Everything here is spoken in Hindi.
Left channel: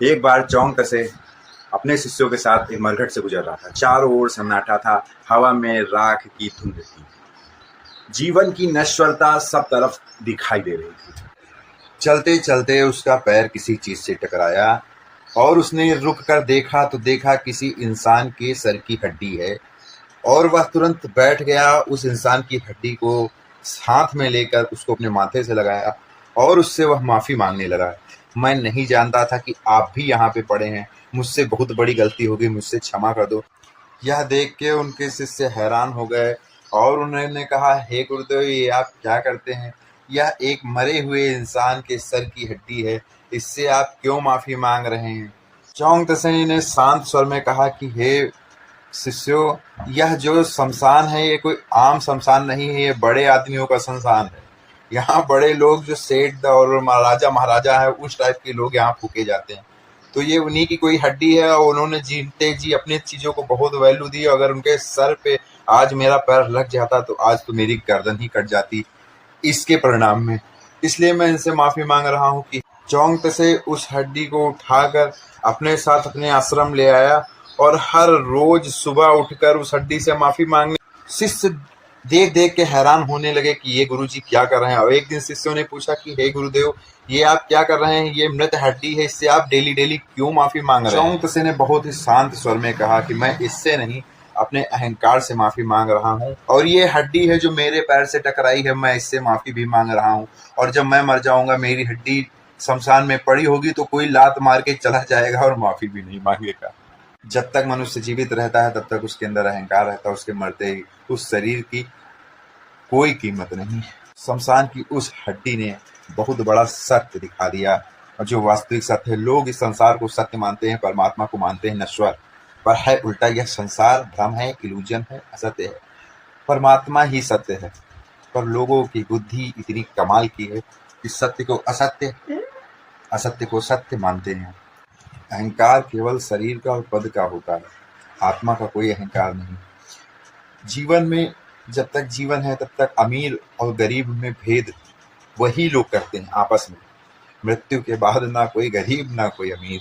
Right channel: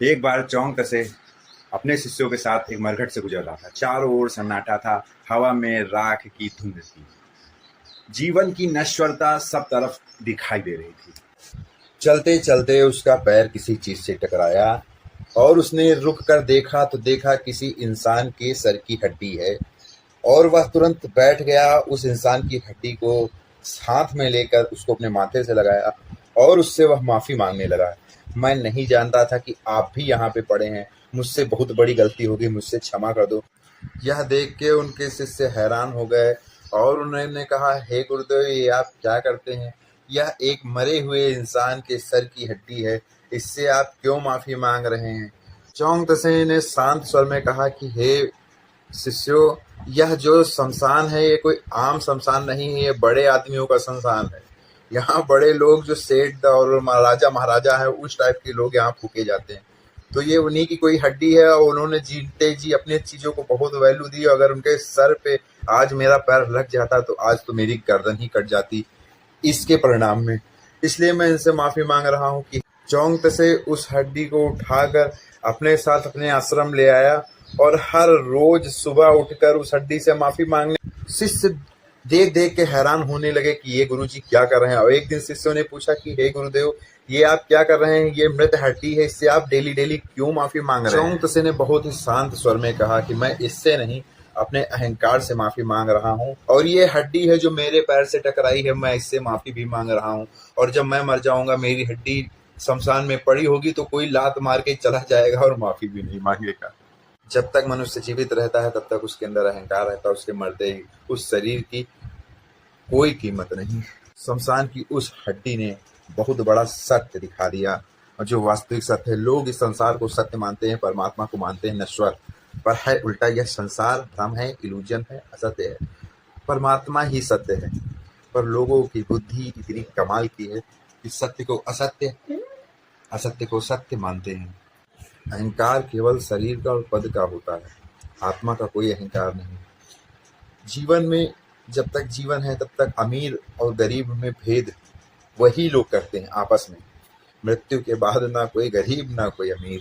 एक बार चौंक तसे अपने शिष्यों के साथ एक मरघट से गुजर रहा था। चारों ओर सन्नाटा था, हवा में राख की धुंध थी। जीवन की नश्वरता सब तरफ दिखाई दे रही थी। चलते चलते उसका पैर किसी चीज से टकराया और उसने रुक कर देखा तो देखा किसी इंसान के सर की हड्डी है और वह तुरंत बैठ गया। उस इंसान की हड्डी को हाथ में लेकर उसको अपने माथे से लगाया और उससे वह माफ़ी मांगने लगा। मैं नहीं जानता था कि आप भी यहाँ पे पड़े हैं, मुझसे बहुत बड़ी गलती हो गई, मुझसे क्षमा कर दो। यह देख के उनके शिष्य हैरान हो गए और उन्होंने कहा, हे गुरुदेव, ये आप क्या करते हैं? यह एक मरे हुए इंसान के सर की हड्डी है, इससे आप क्यों माफ़ी मांग रहे हैं? चौंग तसे ने शांत स्वर में कहा कि हे शिष्यों, यह जो शमशान है ये कोई आम शमशान नहीं है, ये बड़े आदमियों का शमशान है। यहाँ बड़े लोग जो सेठ और महाराजा महाराजा है उस टाइप के लोग यहाँ फूके जाते हैं। तो ये उन्हीं की कोई हड्डी है और उन्होंने जीते जी अपनी चीज़ों को बहुत वैल्यू दी। अगर उनके सर पे आज मेरा पैर लग जाता तो आज तो मेरी गर्दन ही कट जाती इसके परिणाम में। इसलिए मैं इनसे माफ़ी मांग रहा हूँ कि चौंक से उस हड्डी को उठाकर अपने साथ अपने आश्रम ले आया और हर रोज सुबह उठकर उस हड्डी से माफ़ी मांगने। शिष्य देख देख के हैरान होने लगे कि ये गुरुजी क्या कर रहे हैं। और एक दिन शिष्यों ने पूछा कि हे गुरुदेव, ये आप क्या कर रहे हैं? ये मृत हड्डी है, इससे आप डेली डेली क्यों माफ़ी मांग रहे हैं? चौंक ने बहुत ही शांत स्वर में कहा कि मैं इससे नहीं, अपने अहंकार से माफ़ी मांग रहा हूँ। और ये हड्डी है जो मेरे पैर से टकराई है, मैं इससे माफ़ी भी मांग रहा हूँ। और जब मैं मर जाऊँगा, मेरी हड्डी शमशान में पड़ी होगी तो कोई लात मार के चला जाएगा और माफ़ी भी नहीं मांगेगा। जब तक मनुष्य जीवित रहता है तब तक उसके अंदर अहंकार रहता है, उसके मरते ही उस शरीर की कोई कीमत नहीं। शमशान की उस हड्डी ने बहुत बड़ा सत्य दिखा दिया, और जो वास्तविक सत्य है। लोग इस संसार को सत्य मानते हैं, परमात्मा को मानते हैं नश्वर, पर है उल्टा। यह संसार भ्रम है, इल्यूजन है, असत्य है। परमात्मा ही सत्य है, पर लोगों की बुद्धि इतनी कमाल की है कि सत्य को असत्य, असत्य को सत्य मानते हैं। अहंकार केवल शरीर का और पद का होता है, आत्मा का कोई अहंकार नहीं। जीवन में जब तक जीवन है तब तक अमीर और गरीब में भेद वही लोग करते हैं आपस में। मृत्यु के बाद ना कोई गरीब ना कोई अमीर।